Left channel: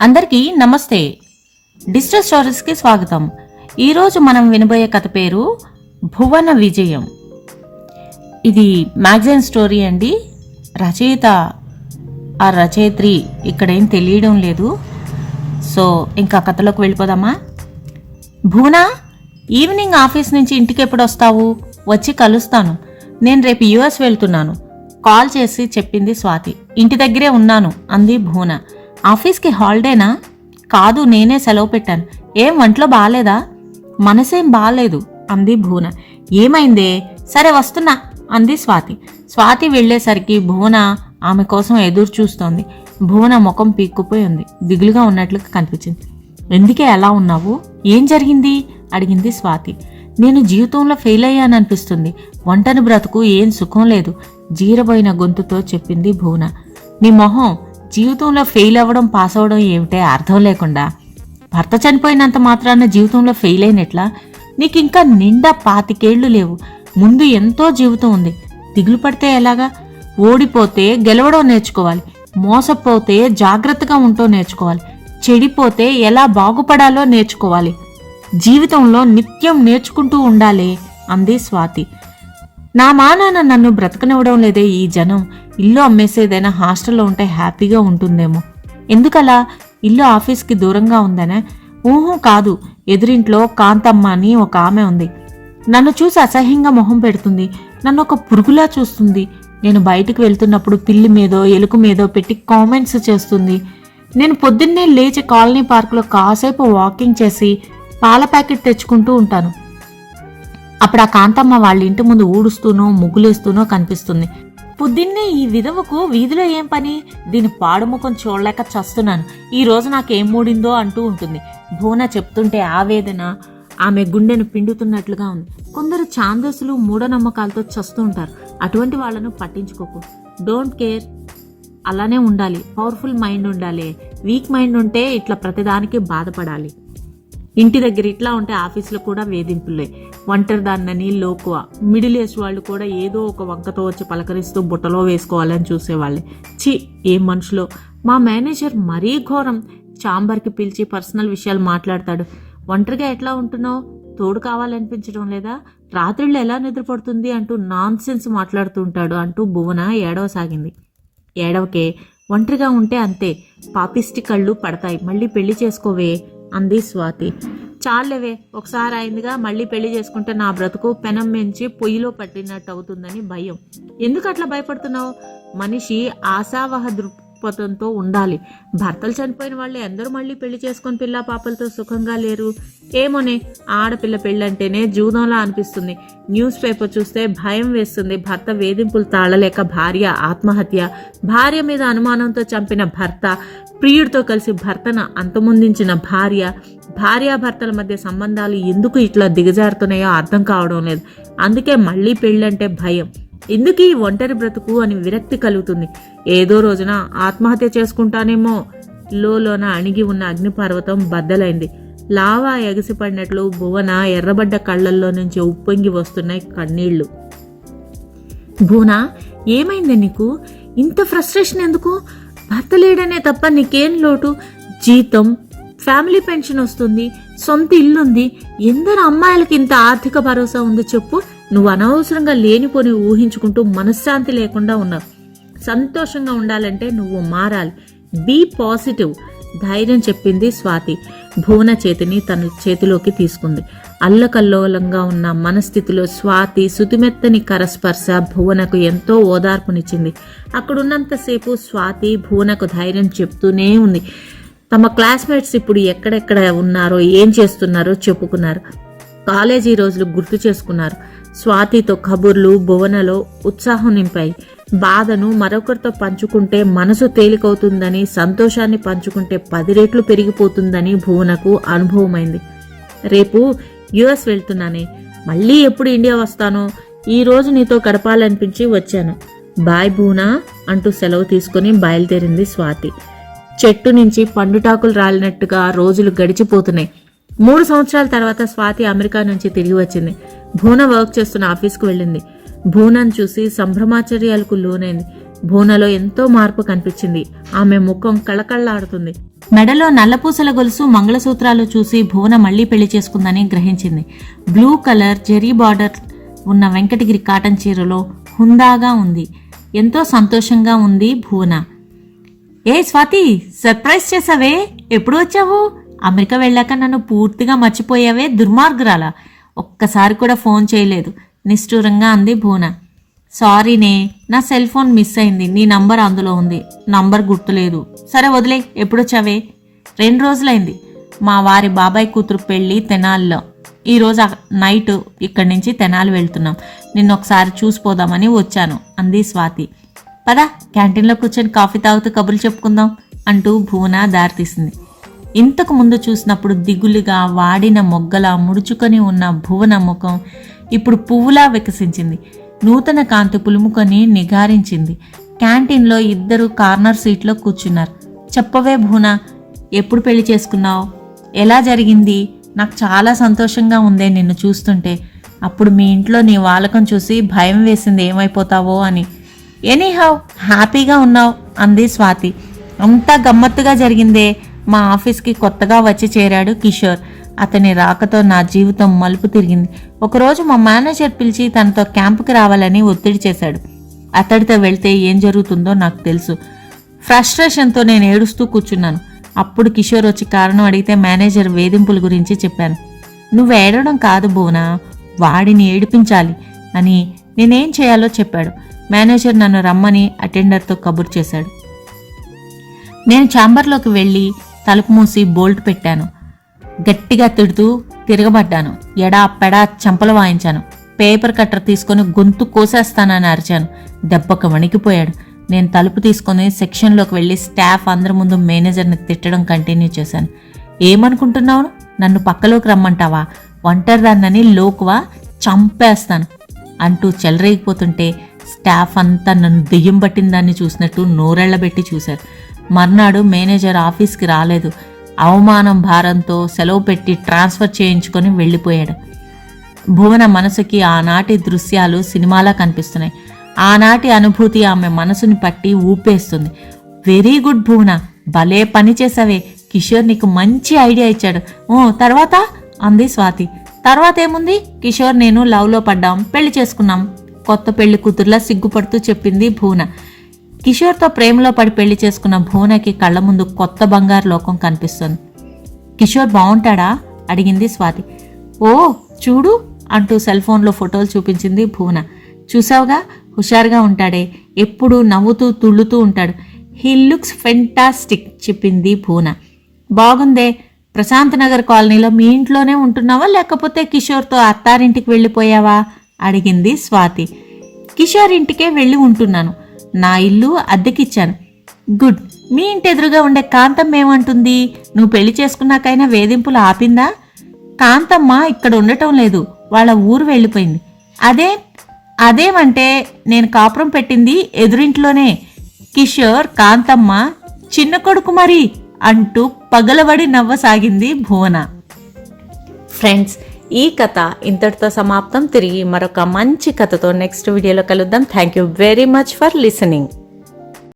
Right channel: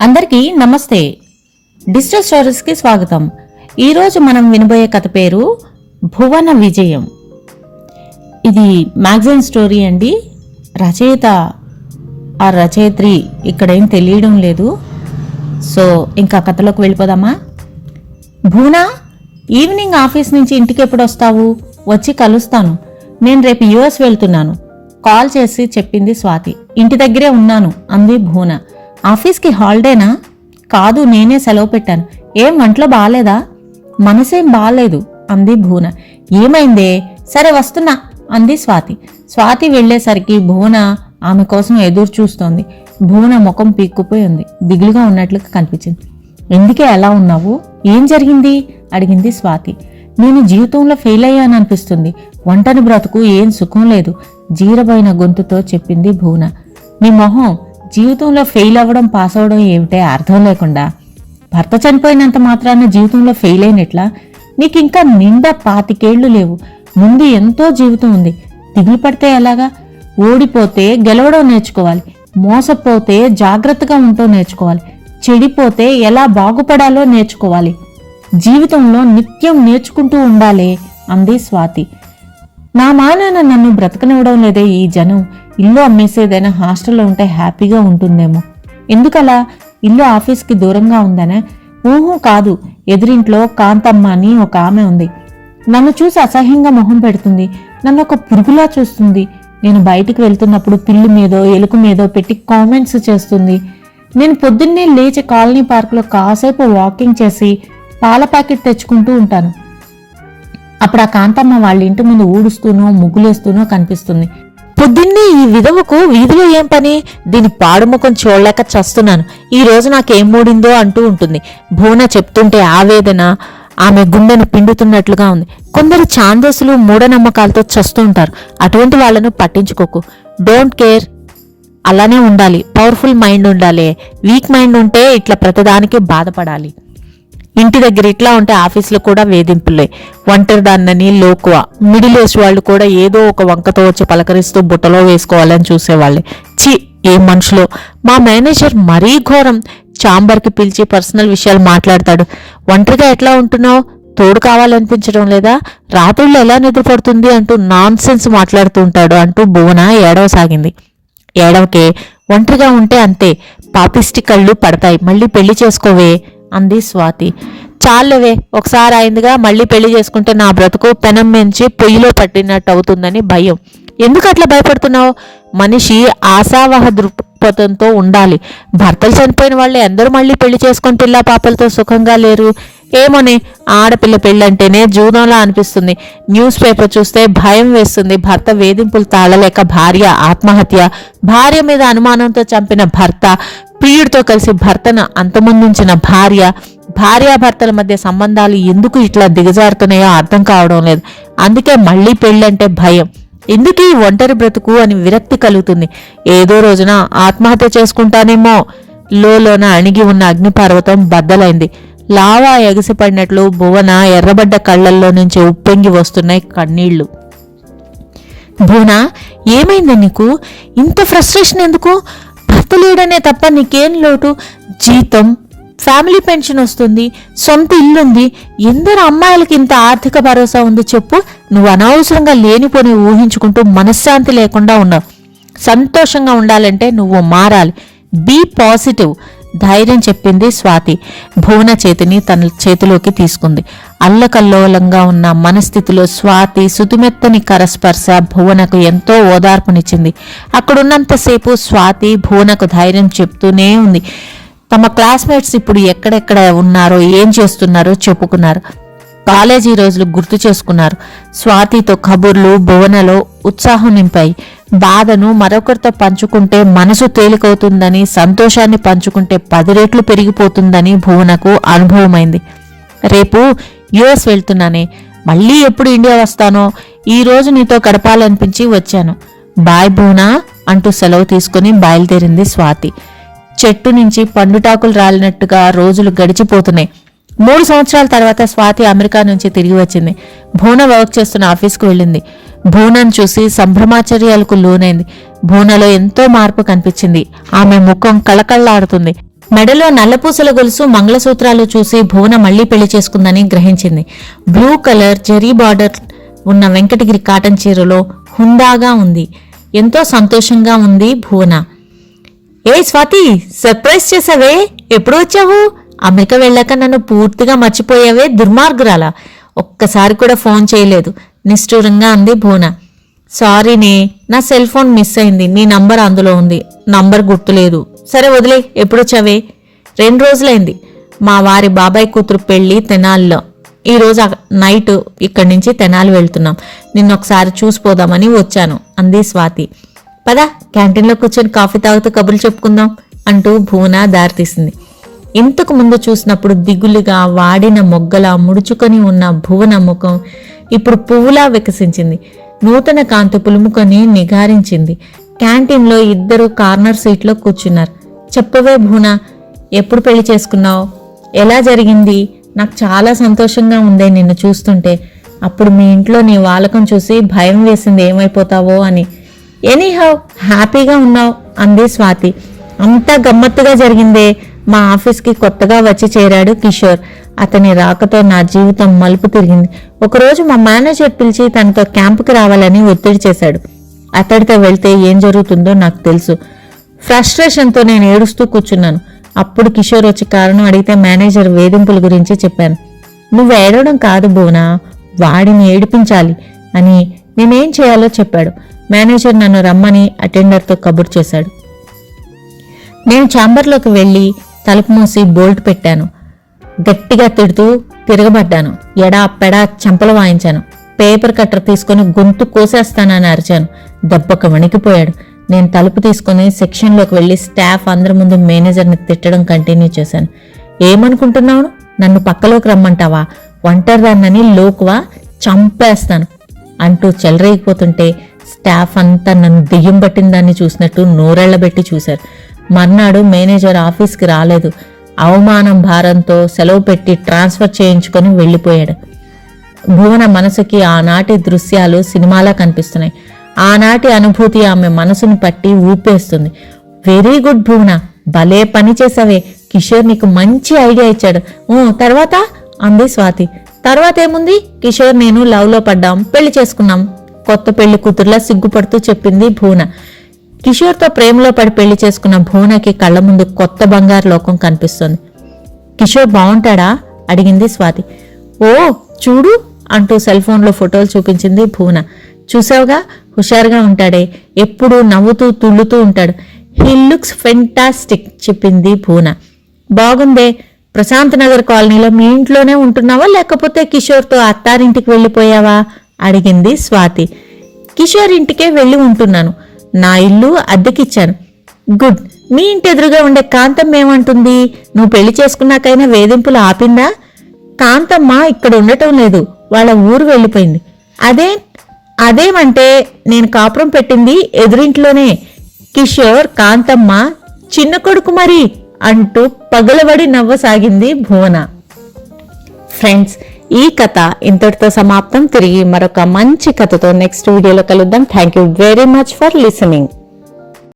అందరికీ నమస్తే. డిజిటల్ స్టోరీస్కి స్వాగతం. ఈరోజు మనం వినబోయే కథ పేరు భువన విజయం. ఇది మ్యాగజైన్ స్టోరీ అండి. రచయిత ఆ రచయిత్రి ఇక్కడేం తెలియడం లేదు. సో ఇంకా కథలోకి వెళ్ళిపోదామా? భువన, ఈవినింగ్ ఆఫీస్ నుంచి ఇంటికి ఎప్పుడు వస్తావు? వచ్చి కలుస్తాను. నేను రేపు యుఎస్ వెళ్తున్నాను. కాల్ చేసి చెప్పింది స్వాతి. ఇంటి దగ్గరే ఉన్నాను అంది భువన. ఆఫీస్కి హాలిడేనా? కాదు, నేనే సెలవు పెట్టాను. ఏం వంటలో బాగాలేదా? మనసేం బాగాలేదు అంది భువన. ఏమైందే? సరే వస్తున్నా అంది స్వాతి. స్వాతి వెళ్లేసరికి భువన ఆమె కోసం ఎదురు చూస్తోంది. భువన ముఖం పీక్కుపోయి ఉంది. దిగులుగా ఉన్నట్లుగా కనిపించింది. ఎందుకే అలా ఉన్నావు? ఏం జరిగింది అడిగింది స్వాతి. నేను జీవితంలో ఫెయిల్ అయ్యాననిపిస్తుంది. వంటని బ్రతుకు ఏం సుఖం లేదు జీరబోయిన గొంతుతో చెప్పింది భువన. నీ మొహం, జీవితంలో ఫెయిల్ అవ్వడం పాస్ అవ్వడం ఏమిటే అర్థం లేకుండా. భర్త చనిపోయినంత మాత్రాన జీవితంలో ఫెయిల్ అయినట్లా? నీకింకా నిండా 25 ఏళ్లు లేవు. ముందు ఎంతో జీవితం ఉంది. దిగులు పడితే ఎలాగా? ఓడిపోతే గెలవడం నేర్చుకోవాలి. మోసపోతే జాగ్రత్తగా ఉంటూ నేర్చుకోవాలి. చెడిపోతే ఎలా బాగుపడాలో నేర్చుకోవాలి. జీవితంలో నిత్యం నేర్చుకుంటూ ఉండాలే అంది స్వాతి. నా మానాన్న నన్ను బ్రతకనివ్వడం లేదే ఈ జనం. ఇల్లు అమ్మేసేదైనా హాస్టల్లో ఉంటే హ్యాపీగా ఉంటుందేమో. ఎందుకలా? ఇల్లు ఆఫీస్కి దూరంగా ఉందనే? ఊహు కాదు, ఎదురింట్లో కాంతమ్మ అని ఒక ఆమె ఉంది. నన్ను చూసి అసహ్యంగా మొహం పెడుతుంది. నన్ను ఒక పురుగులా చూస్తుంది. నేను బయటికి వెళ్తున్నప్పుడు పిల్లి మీదో ఎలుక మీదో పెట్టి కామెంట్స్ చేస్తుంది. నేను పొద్దున్నే లేచి కాలనీ పార్కులో కాసేపు వాకింగ్ చేసి పాల ప్యాకెట్ తెచ్చుకుంటూ ఉంటాను. అప్పుడు ఆ కాంతమ్మ వాళ్ళ ఇంటి ముందు ఊడుస్తూనో ముగ్గులేస్తూనో కనిపిస్తుంది. పొద్దున్నే ఈ విధవకు వీధిలో ఏం పని? దీని పాడుముఖం చూడలేక చస్తున్నాను. ఈ రోజు నాకేం మూడిందో అంటూ ఉంటుంది. భువన చెప్తుంటే ఆవేదన ఆమె గుండెను పిండుతున్నట్లుగా ఉంది. కొందరు ఛాందసులు మూఢనమ్మకాలతో చస్తుంటారు. అటువంటి వాళ్లను పట్టించుకోకు. Don't care. అలానే ఉండాలి. పవర్ఫుల్ మైండ్ ఉండాలి. వీక్ మైండ్ ఉంటే ఇట్లా ప్రతిదానికి బాధపడాలి. ఇంటి దగ్గర ఇట్లా ఉంటే ఆఫీసులో కూడా వేధింపులే. ఒంటరిదాన్నని లోకువా. మిడిల్ ఏజ్ వాళ్ళు కూడా ఏదో ఒక వంకతో వచ్చి పలకరిస్తూ బుట్టలో వేసుకోవాలని చూసేవాళ్ళే. ఛీ, ఏం మనుషులో. మా మేనేజర్ మరీ ఘోరం. ఛాంబర్కి పిలిచి పర్సనల్ విషయాలు మాట్లాడతాడు. ఒంటరిగా ఎట్లా ఉంటున్నావు? తోడు కావాలనిపించడం లేదా? రాత్రుల్లో ఎలా నిద్రపడుతుంది అంటూ నాన్ సెన్స్ మాట్లాడుతూ ఉంటాడు అంటూ భువన ఏడవసాగింది. ఏడవకే, ఒంటరిగా ఉంటే అంతే. పాపిష్టి కళ్ళు పడతాయి. మళ్ళీ పెళ్లి చేసుకోవే అంది స్వాతి. చాలవే, ఒకసారి అయిందిగా. మళ్ళీ పెళ్లి చేసుకుంటే నా బ్రతుకు పెనం మెంచి పొయ్యిలో పట్టినట్టు అవుతుందని భయం. ఎందుకు అట్లా భయపడుతున్నావు? మనిషి ఆశావహ దృక్పథంతో ఉండాలి. భర్తలు చనిపోయిన వాళ్ళే అందరూ మళ్ళీ పెళ్లి చేసుకొని పిల్ల పాపలతో సుఖంగా లేరు. ఏమోనే, ఆడపిల్ల పెళ్ళంటేనే జూదంలా అనిపిస్తుంది. న్యూస్ పేపర్ చూస్తే భయం వేస్తుంది. భర్త వేధింపులు తాళలేక భార్య ఆత్మహత్య, భార్య మీద అనుమానంతో చంపిన భర్త, ప్రియుడితో కలిసి భర్తను అంతమొందించిన భార్య. భార్యాభర్తల మధ్య సంబంధాలు ఎందుకు ఇట్లా దిగజారుతున్నాయో అర్థం కావడం లేదు. అందుకే మళ్ళీ పెళ్ళంటే భయం. ఎందుకు ఈ ఒంటరి బ్రతుకు అని విరక్తి కలుగుతుంది. ఏదో రోజున ఆత్మహత్య చేసుకుంటానేమో. లోన అణిగి ఉన్న అగ్నిపర్వతం బద్దలైంది. లావా ఎగసిపడినట్లు భువన ఎర్రబడ్డ కళ్లల్లో నుంచి ఉప్పొంగి వస్తున్నాయి కన్నీళ్లు. భువన, ఏమైంది నీకు? ఇంత ఫ్రస్ట్రేషన్ ఎందుకు? భర్త లేడనే తప్ప నీకేం లోటు? జీతం, ఫ్యామిలీ పెన్షన్ వస్తుంది, సొంత ఇల్లుంది. ఎందరు అమ్మాయిలకి ఇంత ఆర్థిక భరోసా ఉంది చెప్పు? నువ్వు అనవసరంగా లేనిపోని ఊహించుకుంటూ మనశ్శాంతి లేకుండా ఉన్నావు. సంతోషంగా ఉండాలంటే నువ్వు మారాలి. Be positive. ధైర్యం చెప్పింది స్వాతి. భువన చేతిని తన చేతిలోకి తీసుకుంది. అల్లకల్లోలంగా ఉన్న మనస్థితిలో స్వాతి సుతిమెత్తని కరస్పర్శ భువనకు ఎంతో ఓదార్పునిచ్చింది. అక్కడున్నంతసేపు స్వాతి భువనకు ధైర్యం చెప్తూనే ఉంది. తమ క్లాస్మేట్స్ ఇప్పుడు ఎక్కడెక్కడ ఉన్నారో ఏం చేస్తున్నారో చెప్పుకున్నారు. కాలేజీ రోజులు గుర్తు చేసుకున్నారు. స్వాతితో కబుర్లు భువనలో ఉత్సాహం నింపాయి. బాధను మరొకరితో పంచుకుంటే మనసు తేలికవుతుందని, సంతోషాన్ని పంచుకుంటే 10 రెట్లు పెరిగిపోతుందని భువనకు అనుభవమైంది. రేపు యుఎస్ వెళ్తున్నానే, మళ్ళీ ఎప్పుడు ఇండియా వస్తానో. ఈ రోజు నీతో గడపాలనిపించి వచ్చాను. బాయ్ భువన అంటూ సెలవు తీసుకుని బయలుదేరింది స్వాతి. చెట్టు నుంచి పండుటాకులు రాలినట్టుగా రోజులు గడిచిపోతున్నాయి. 3 సంవత్సరాల తర్వాత స్వాతి అమెరికా నుంచి తిరిగి వచ్చింది. భువన వర్క్ చేస్తున్న ఆఫీస్కు వెళ్ళింది. భువనను చూసి సంభ్రమాచర్యాలకు లోనైంది. భువనలో ఎంతో మార్పు కనిపించింది. ఆమె ముఖం కళకళలాడుతుంది. మెడలో నల్లపూసల గొలుసు, మంగళసూత్రాలు చూసి భువన మళ్లీ పెళ్లి చేసుకుందని గ్రహించింది. బ్లూ కలర్ జెరీ బార్డర్ ఉన్న వెంకటగిరి కాటన్ చీరలో హుందాగా ఉంది. ఎంతో సంతోషంగా ఉంది భువన. ఏ స్వాతి, సర్ప్రైజ్ చేసావే, ఎప్పుడు వచ్చావు? అమెరికా వెళ్ళాక నన్ను పూర్తిగా మర్చిపోయావే, దుర్మార్గురాలా. ఒక్కసారి కూడా ఫోన్ చేయలేదు, నిష్ఠూరంగా అంది భువన. సారీనే, నా సెల్ ఫోన్ మిస్ అయింది. నీ నంబర్ అందులో ఉంది, నంబర్ గుర్తులేదు. సరే వదిలే, ఎప్పుడొచ్చావే? 2 రోజులైంది. మా వారి బాబాయ్ కూతురు పెళ్లి తెనాలిలో. ఈరోజు నైట్ ఇక్కడి నుంచి తెనాలి వెళ్తున్నాం. నిన్నొకసారి చూసిపోదామని వచ్చాను అంది స్వాతి. పద, క్యాంటీన్లో కూర్చొని కాఫీ తాగుతూ కబుర్లు చెప్పుకుందాం అంటూ భువన దారితీసింది. ఇంతకు ముందు చూసినప్పుడు దిగులుగా వాడిన మొగ్గలా ముడుచుకొని ఉన్న భువన ముఖం ఇప్పుడు పువ్వులా వికసించింది. నూతన కాంతి పులుముకొని నిగారించింది. క్యాంటీన్లో ఇద్దరు కార్నర్ సీట్లో కూర్చున్నారు. చెప్పవే భువన, ఎప్పుడు పెళ్లి చేసుకున్నావు? ఎలా జరిగింది? నాకు చాలా సంతోషంగా ఉందే నిన్ను చూస్తుంటే. అప్పుడు మీ ఇంట్లో నీ వాలకం చూసి భయం వేసింది ఏమైపోతావో అని. ఎనీహౌ హ్యాపీగా ఉన్నావు అంది స్వాతి. అంతా గమ్మత్తుగా జరిగిందే. మా ఆఫీస్కి కొత్తగా వచ్చి చేరాడు కిషోర్. అతని రాకతో నా జీవితం మలుపు తిరిగింది. ఒకరోజు మా మేనేజర్ పిలిచి తనతో క్యాంపుకి రావాలని ఒత్తిడి చేశాడు. అతడితో వెళ్తే ఏం జరుగుతుందో నాకు తెలుసు. ఫ్రస్ట్రేషన్తో నేను ఏడుస్తూ కూర్చున్నాను. అప్పుడు కిషోర్ వచ్చి కారణం అడిగితే మేనేజర్ వేధింపుల గురించి చెప్పాను. నువ్వు ఏడవడం కాదు భువన, వాడిని ఏడిపించాలి అని నేనేం చేయాలో చెప్పాడు. మేనేజర్ నన్ను రమ్మని అటెండర్తో కబుర్ చేశాడు. నేను ఛాంబర్లోకి వెళ్ళి తలుపు మూసి బోల్ట్ పెట్టాను. గట్టిగా తిడుతూ తిరగబడ్డాను. ఎడా పెడా చంపలు వాయించాను. పేపర్ కట్టర్ తీసుకుని గొంతు కోసేస్తానని అరిచాను. దెబ్బకు వణికిపోయాడు. నేను తలుపు తీసుకుని సెక్షన్లోకి వెళ్ళి స్టాఫ్ అందరి ముందు మేనేజర్ని తిట్టడం కంటిన్యూ చేశాను. ఏమనుకుంటున్నావు? నన్ను పక్కలోకి రమ్మంటావా? ఒంటరిదాన్నని లోకువా? చంపేస్తాను అంటూ చెలరేగిపోతుంటే స్టాఫ్ అంతా నన్ను దెయ్యం పట్టిన దాన్ని చూసినట్టు నోరెళ్లబెట్టి చూశారు. మర్నాడు మేనేజర్ ఆఫీస్కి రాలేదు. అవమానం భారంతో సెలవు పెట్టి ట్రాన్స్ఫర్ చేయించుకొని వెళ్ళిపోయాడు. భువన మనసుకి ఆనాటి దృశ్యాలు సినిమాలా కనిపిస్తున్నాయి. ఆనాటి అనుభూతి ఆమె మనసుని పట్టి ఊపేస్తుంది. వెరీ గుడ్ భువన, భలే పని చేసావే. కిషోర్ నీకు మంచి ఐడియా ఇచ్చాడు. తర్వాత అంది స్వాతి. తర్వాత ఏముంది? కిషోర్ నేను లవ్లో పడ్డాం, పెళ్లి చేసుకున్నాం. కొత్త పెళ్లి కూతురులా సిగ్గుపడుతూ చెప్పింది భువన. కిషోర్తో ప్రేమలో పడి పెళ్లి చేసుకున్న భువనకి కళ్ల ముందు కొత్త బంగారు లోకం కనిపిస్తుంది. కిషోర్ బాగుంటాడా? అడిగింది స్వాతి. ఓ చూడు అంటూ సెల్ ఫోన్లో ఫోటోలు చూపించింది భువన. చూసావుగా, హుషారుగా ఉంటాడే, ఎప్పుడూ నవ్వుతూ తుళ్ళుతూ ఉంటాడు. హీ లుక్స్ ఫెంటాస్టిక్ చెప్పింది భువన. బాగుందే. ప్రశాంత్ నగర్ కాలనీలో మీ ఇంట్లోనే ఉంటున్నావా, లేకపోతే కిషోర్తో అత్తారింటికి వెళ్ళిపోయావా అడిగింది స్వాతి. కిషోర్ ఇంటికే వెళ్ళి ఉంటున్నాను. నా ఇల్లు అద్దెకిచ్చాను. గుడ్. మీ ఇంటి ఎదురుగా ఉండే కాంతమ్మ ఏమంటుంది? నువ్వు పెళ్లి చేసుకున్నాకైనా వేధింపులు ఆపిందా? కాంతమ్మ ఇక్కడ ఉండటం లేదు, వాళ్ళ ఊరు వెళ్ళిపోయింది. అదేమంటే నేను కాపురం పెట్టింది ఎదురింట్లోనే. కిషోర్ కాంతమ్మ చిన్న కొడుకు మరి అంటూ పగలబడి నవ్వసాగింది భువన. ఫ్రెండ్స్, ఈ కథ ఇంతటితో సమాప్తం. తిరిగి మరొక మంచి కథతో నెక్స్ట్ వీడియోలో కలుద్దాం. Thank you very much for listening.